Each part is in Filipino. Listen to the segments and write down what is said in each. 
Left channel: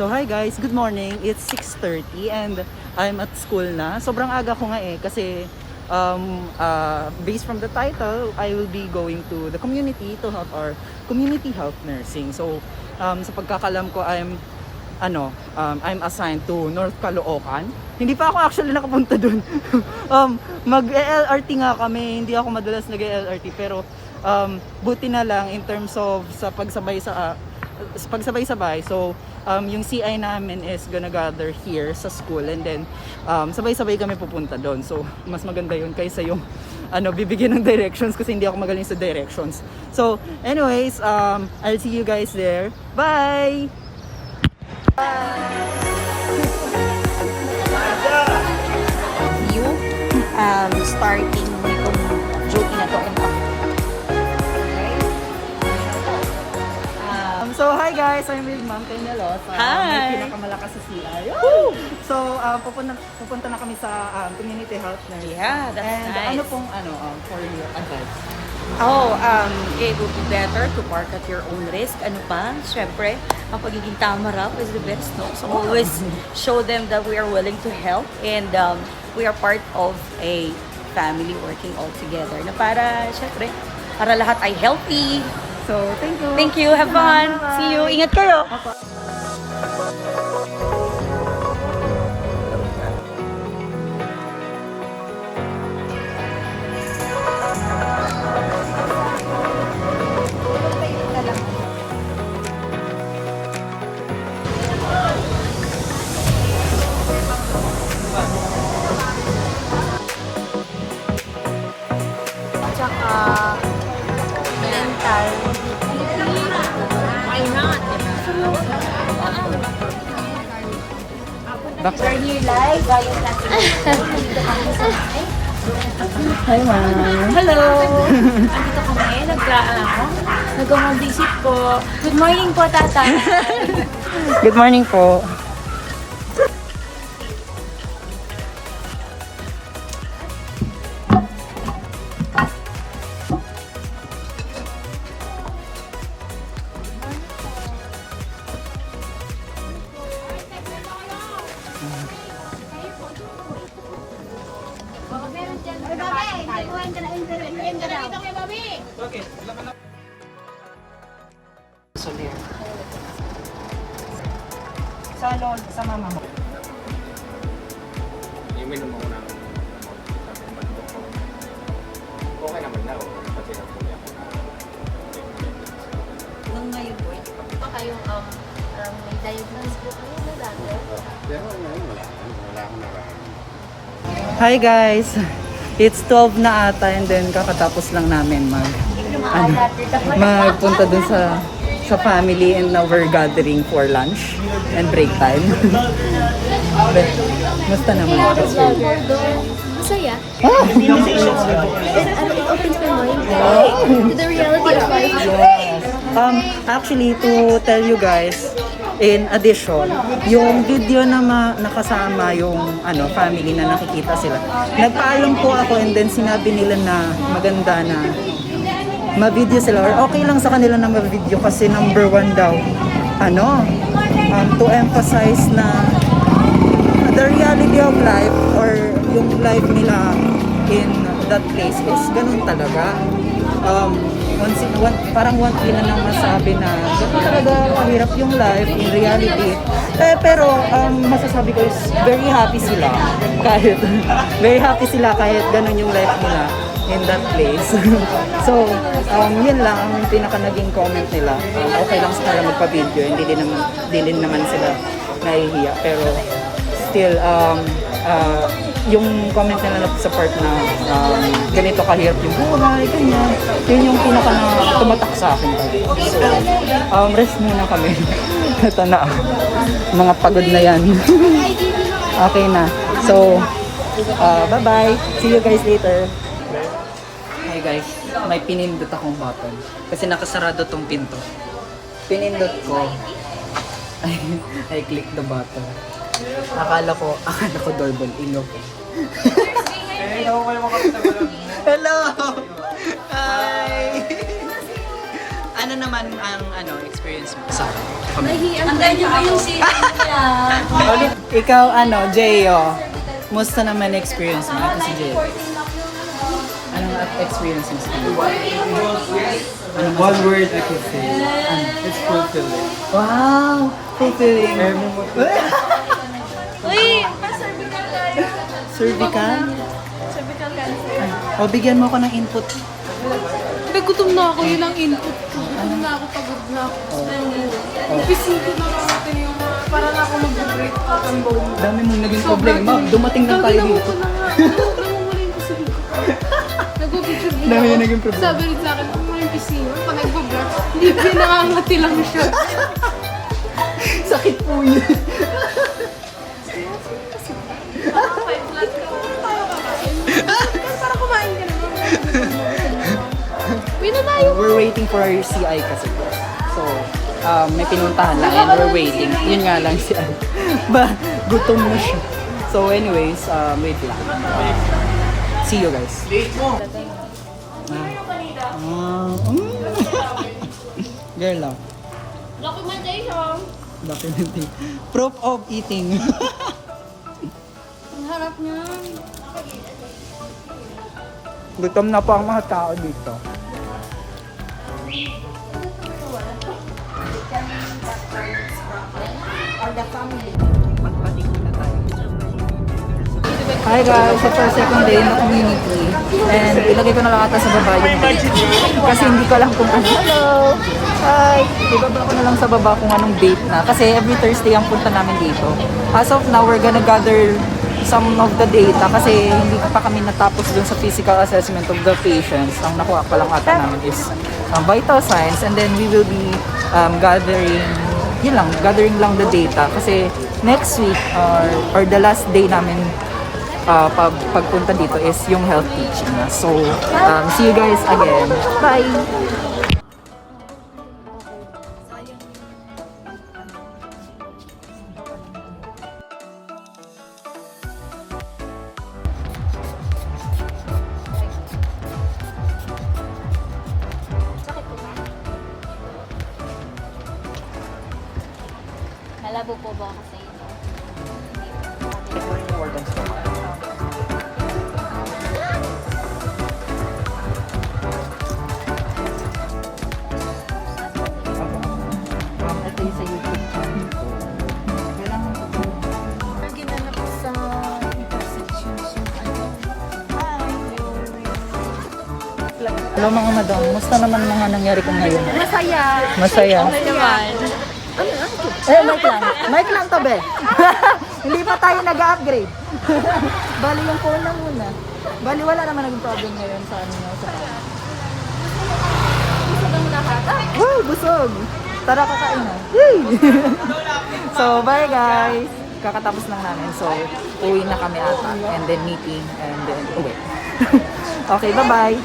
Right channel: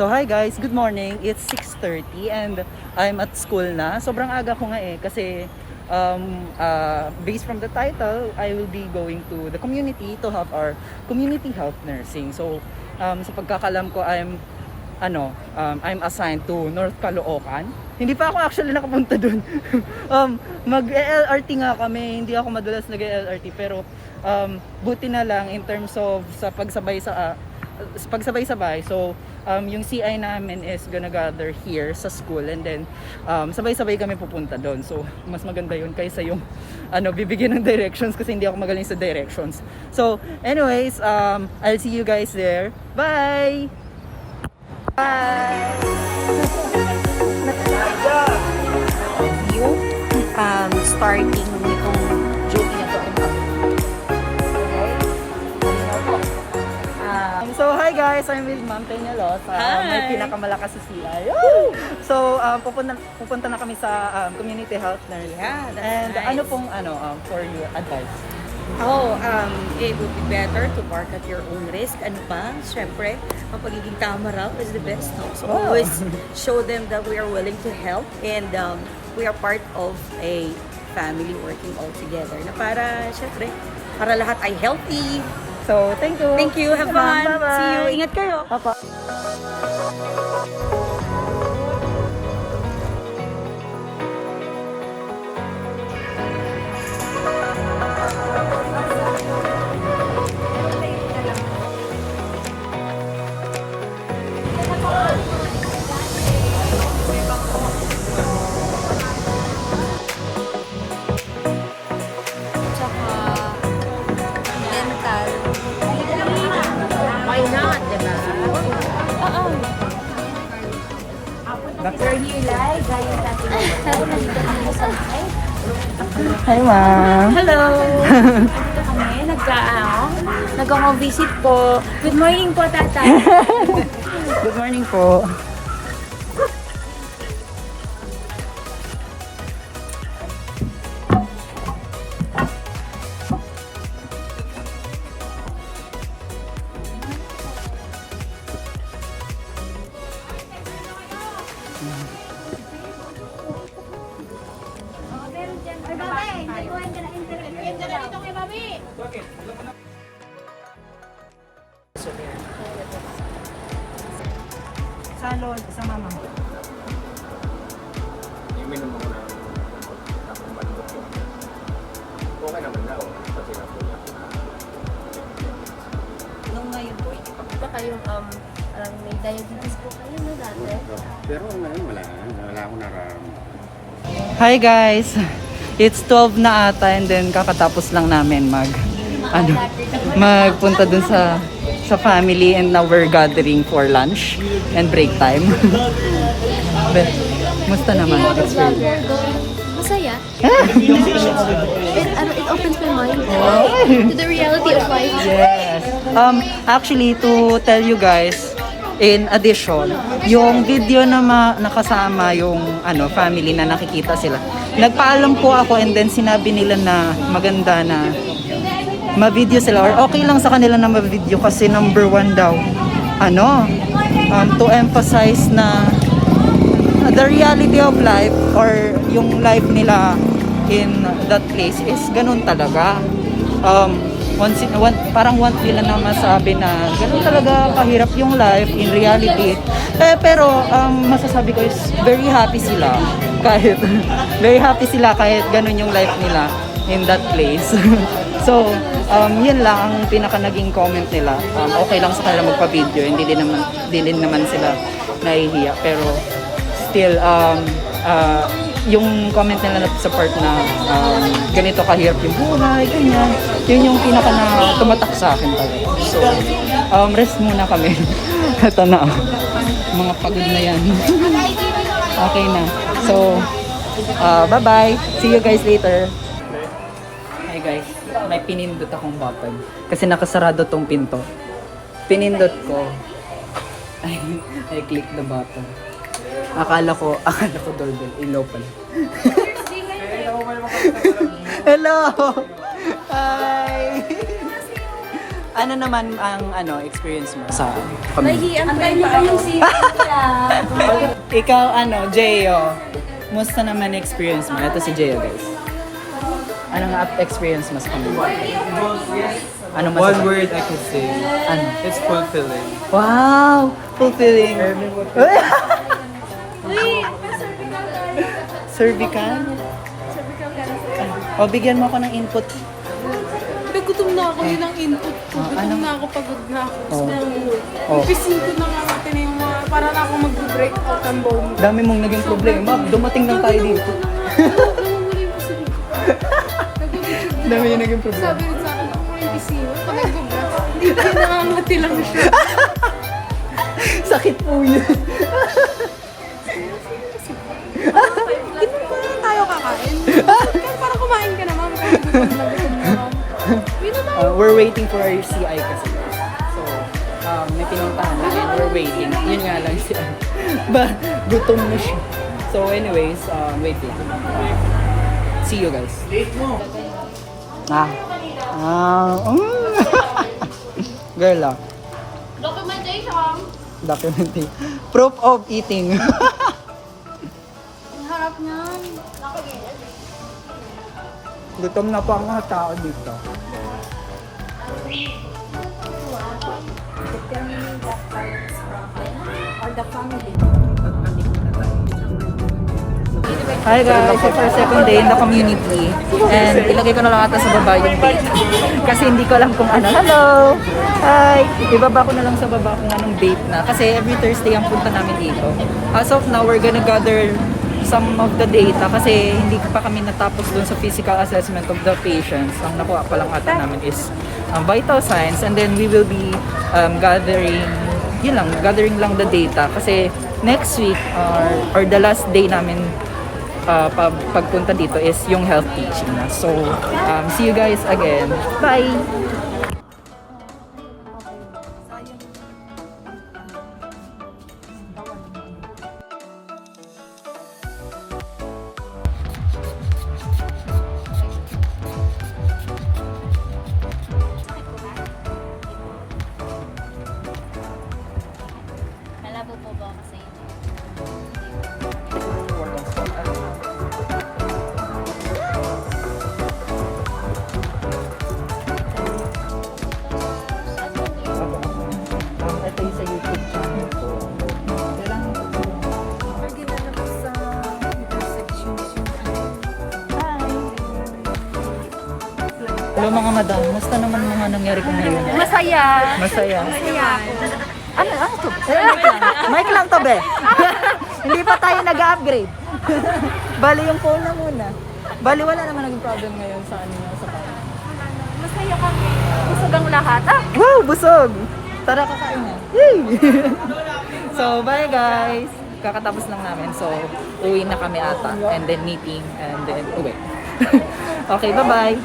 So hi guys, good morning. It's 6:30 and I'm at school na. Sobrang aga ko nga kasi based from the title, I will be going to the community to have our community health nursing. So sa pagkakalam ko, I'm assigned to North Caloocan. Hindi pa ako actually nakapunta dun. Mag-LRT nga kami. Hindi ako madalas nag-LRT pero buti na lang in terms of sa pagsabay-sabay. So yung CI namin is gonna gather here sa school and then sabay-sabay kami pupunta doon. So mas maganda yun kaysa yung bibigyan ng directions kasi hindi ako magaling sa directions. So anyways, I'll see you guys there. Bye! Starting nitong duty na to. So hi guys, I'm with Ma'am Peñalosa. Hi! May pinakamalakas sa CI. Woo! So pupunta na kami sa community health nurse. Yeah, that's And nice. ano pong for your advice? It would be better to park at your own risk. Ano pa? Siyempre, ang pagiging tamarap is the best. No? So always show them that we are willing to help and we are part of a family working all together. Na para lahat ay healthy. So thank you. Thank you. Have fun. Bye-bye. See you. Ingat kayo. Papa. Tsaka mental. Why not? Diba? Back- Here live, via satellite phone. Nandito kami sa live. Hi ma'am. Hello! Andito kami, nag-home visit po. Good morning po, tata. Good morning po. Sa mama mo. Imin mo na okay naman na pati ako niya. Nung ngayon po, hindi pa po ba kayong may diagnosis po kayo na dati? Pero ngayon wala akong nararamdaman. Hi guys. It's 12 na ata and then kakatapos lang namin magpunta dun sa family and now we're gathering for lunch and break time. Musta naman? Masaya. It opens my mind to the reality of life. Yes. Actually, to tell you guys, in addition, yung video na nakasama yung family na nakikita sila. Nagpaalam po ako and then sinabi nila na maganda na ma-video sila or okay lang sa kanila na ma-video kasi number 1 daw. To emphasize na the reality of life or yung life nila in that place is ganun talaga. Parang want nila na masabi na ganun talaga kahirap yung life in reality. Pero masasabi ko is very happy sila kahit ganun yung life nila in that place. So, yun lang ang pinaka naging comment nila. Okay lang sa kanila magpa-video, hindi din naman sila nahihiya. Pero still, yung comment nila na support na ganito kahirap yung buhay, ganyan. Yun yung pinaka na tumatak sa akin talaga. So, rest muna kami. Ito na. Mga pagod na yan. Okay na. So, bye-bye. See you guys later. Hi guys, may pinindot akong button kasi nakasarado tong pinto. Pinindot ko. I click the button. Akala ko doorbell, inopen. Hello! Hi! Ano naman ang experience mo sa Nahihiyan ko Antayin niyo ba yung season niya? Ikaw, Jeyo, musta naman experience mo? Ito si Jeyo, guys. Anong experience mo sa kanila? Ano One word I could say. It's fulfilling. Wow! Fulfilling. Cervical? Ay, bigyan mo ako ng input. Hindi, gutom na ako. Yun ang input ko. Gutom na ako, pagod na ako. Upisin ko na nga natin yung mga, para na ako mag-break out ang bow mo. Dami mong naging problema. Dumating lang tayo dito. Dami yung naging problema. Sabi rin sa akin, ako yung pisino, pag nag-break, hindi nakangati lang siya. Sakit po yun. Hindi tayo kakain. Para kumain ka naman. Gutom na naman. Wait na nga. We're waiting for our CI kasi. So, may pinuntahan lang and we're waiting. Yun nga lang si gutom na siya. So anyways, wait lang. See you guys. Girl, documentation. Proof of eating. Ang harap niya. Gutom na po ang mga tao dito. Hi guys, it's our second day in the community and ilagay ko na lang ata sa baba yung date kasi hindi ko alam kung ano. Hello! Hi! Ibaba ko na lang sa baba kung anong date na kasi every Thursday ang punta namin dito. As of now, we're gonna gather some of the data kasi hindi pa kami natapos dun sa physical assessment of the patients. Ang nakuha pa lang ata namin is vital signs and then we will be gathering lang the data kasi next week or the last day namin pagpunta dito is yung health teaching na. So, see you guys again. Bye! Malabo po ba kasi? Ito yung sa YouTube channel ko. Hello mga madam, musta naman mga nangyari ko ngayon? Masaya. Masaya. Masaya ako. Ano to? Mic lang. Mic lang to, be. Hindi pa tayo nag-upgrade. Bali yung phone na muna. Bali wala naman naging problem ngayon sa sa phone. Masaya kami. Busog ang lahat. Wow, busog! Tara, kakain na. Yay! So, bye guys! Kakatapos lang namin. So, uwi na kami ata. And then meeting. And then uwi. Okay, bye-bye!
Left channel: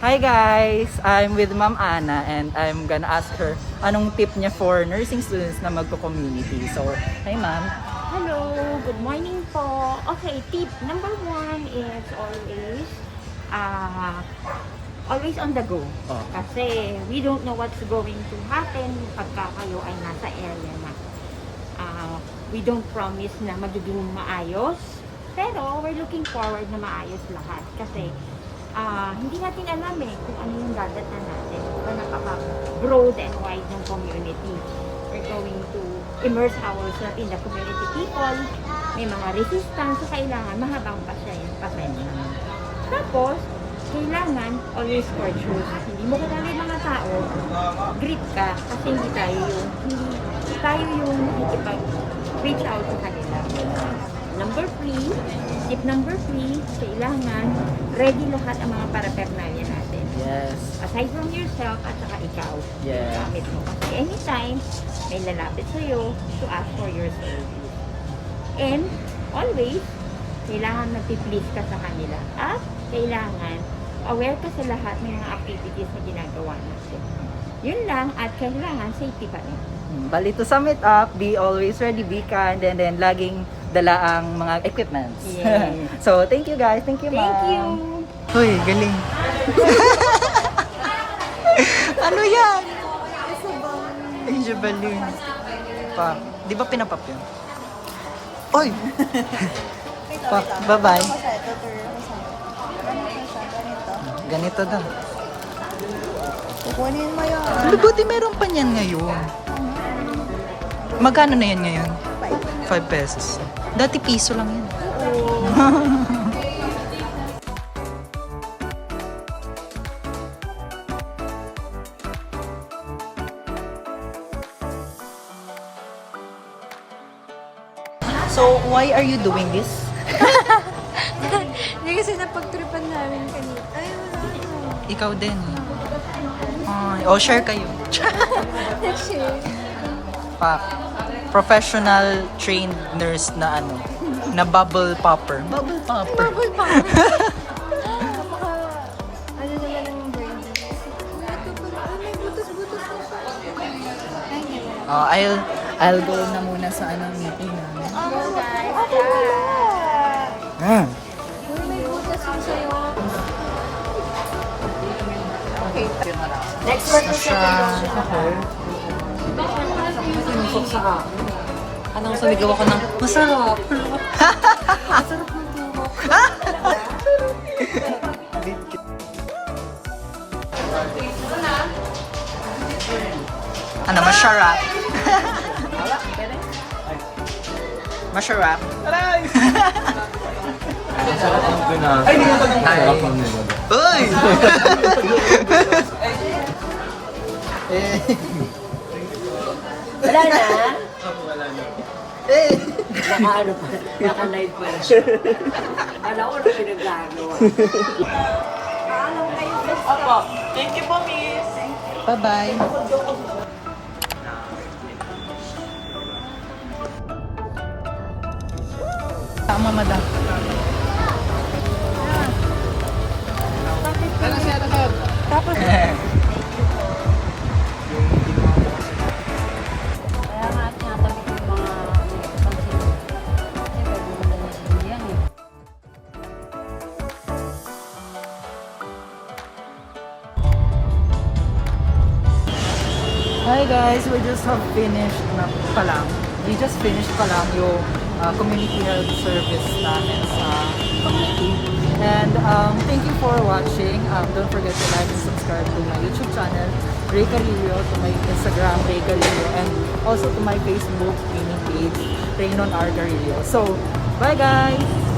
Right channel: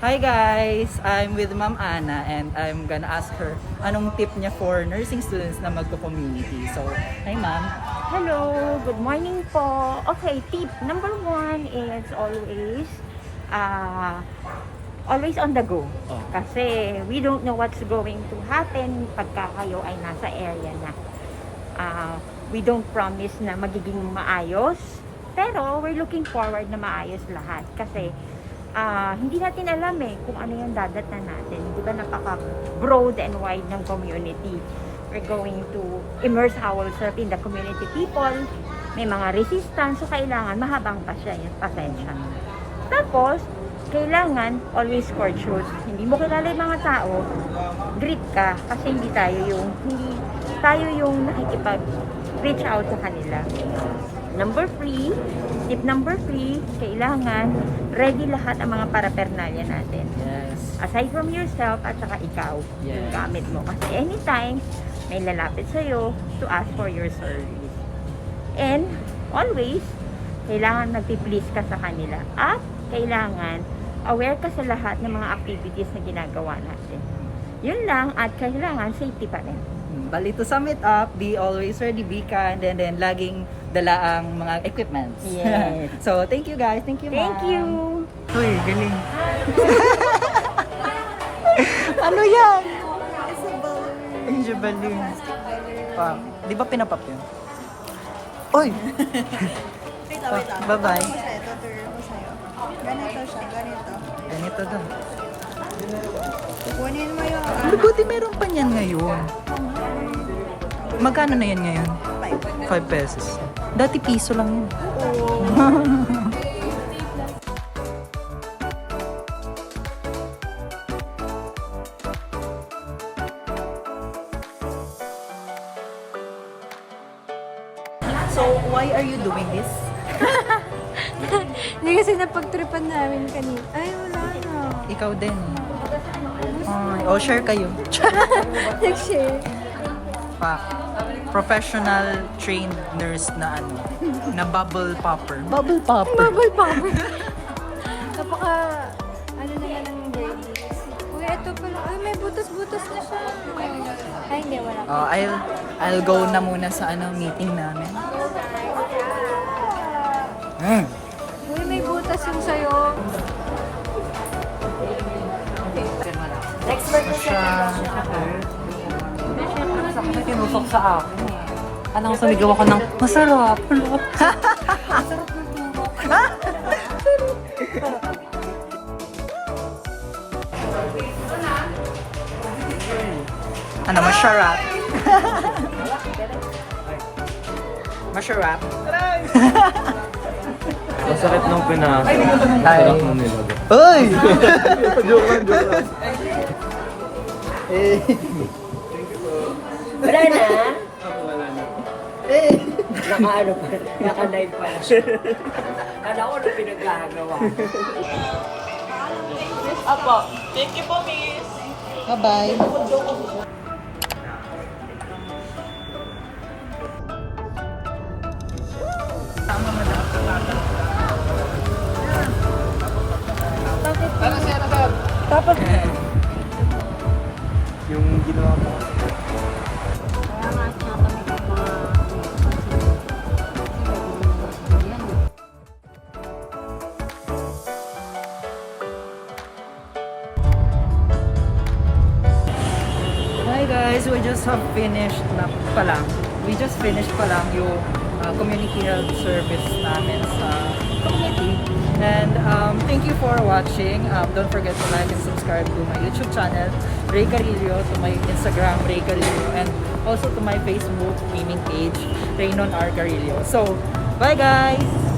Hi guys! I'm with Ma'am Ana and I'm gonna ask her anong tip niya for nursing students na magko-community. So, hi ma'am. Hello, good morning po. Okay, tip number 1 is always on the go. Oh. Kasi we don't know what's going to happen pagka kayo ay nasa area na. We don't promise na magiging maayos, pero we're looking forward na maayos lahat. Kasi hindi natin alam kung ano yung dadatnan natin. Di ba napaka-broad and wide ng community. We're going to immerse ourselves in the community people. May mga resistance, so kailangan mahabang pasensya. Tapos, kailangan always courteous. Hindi mo kilala yung mga tao, greet ka kasi hindi tayo yung nakikipag-reach out sa kanila. Tip number 3, kailangan ready lahat ang mga paraphernalia natin. Yes. Aside from yourself at saka ikaw, Yeah. yung gamit mo. Kasi anytime, may lalapit sa'yo to ask for your service. And always, kailangan nagpi-please ka sa kanila. At kailangan aware ka sa lahat ng mga activities na ginagawa natin. Yun lang, at kailangan safety pa rin. Bali, to sum it up, be always ready, be kind, and then laging dala ang mga equipment. Yes. So, thank you guys. Thank you, Thank ma'am. you! Hoy, galing. Ano yan? medyo balloon. Pa, di ba pinapap yun? Oy! Wait Pa, bye-bye. Tuturuan ko sa'yo. Ganito siya, ganito. Ganito daw. Kukunin mo yung Ano, buti meron pa niyan ngayon. Magkano na yan ngayon? 5 pesos. Dati piso lang yan. So, why are you doing this? Hindi kasi napagtripan namin kanina. Ay, Ikaw din eh. Ay, share kayo. nag-share. Pa, professional trained nurse na ano, na bubble popper. Bubble popper. Ano naman ang birdie? Uy, ito pero, may butas-butas na siya. Ay, hindi, wala. I'll go na muna sa ano meeting namin. Go, guys. Mm. Uy, may butas yung sa'yo. Next na siya. Sinusok sa akin. Anong sumigaw ako ng masarap. Masarap ng tubo. Ano, masarap? Masarap? Masarap ng tuna. Ay! Masarap ng nilodo. Uy! Wala na? Ako wala na. Naka-live pa siya. Kala ko ano pinagagawa. Bye-bye. Tama, madam. Tapos, Yung ginawa mo kasi na. Kaya nga tinatamit yung mga... Kasi gagawin na lang yan eh. hi guys, we just have finished na pa lang. We just finished pa lang yung community health service namin sa community. And thank you for watching. Don't forget to like and subscribe to my YouTube channel, Ray Carillo, to my Instagram, Ray Carillo, and also to my Facebook gaming page, Raynon R. Carillo. So, bye guys!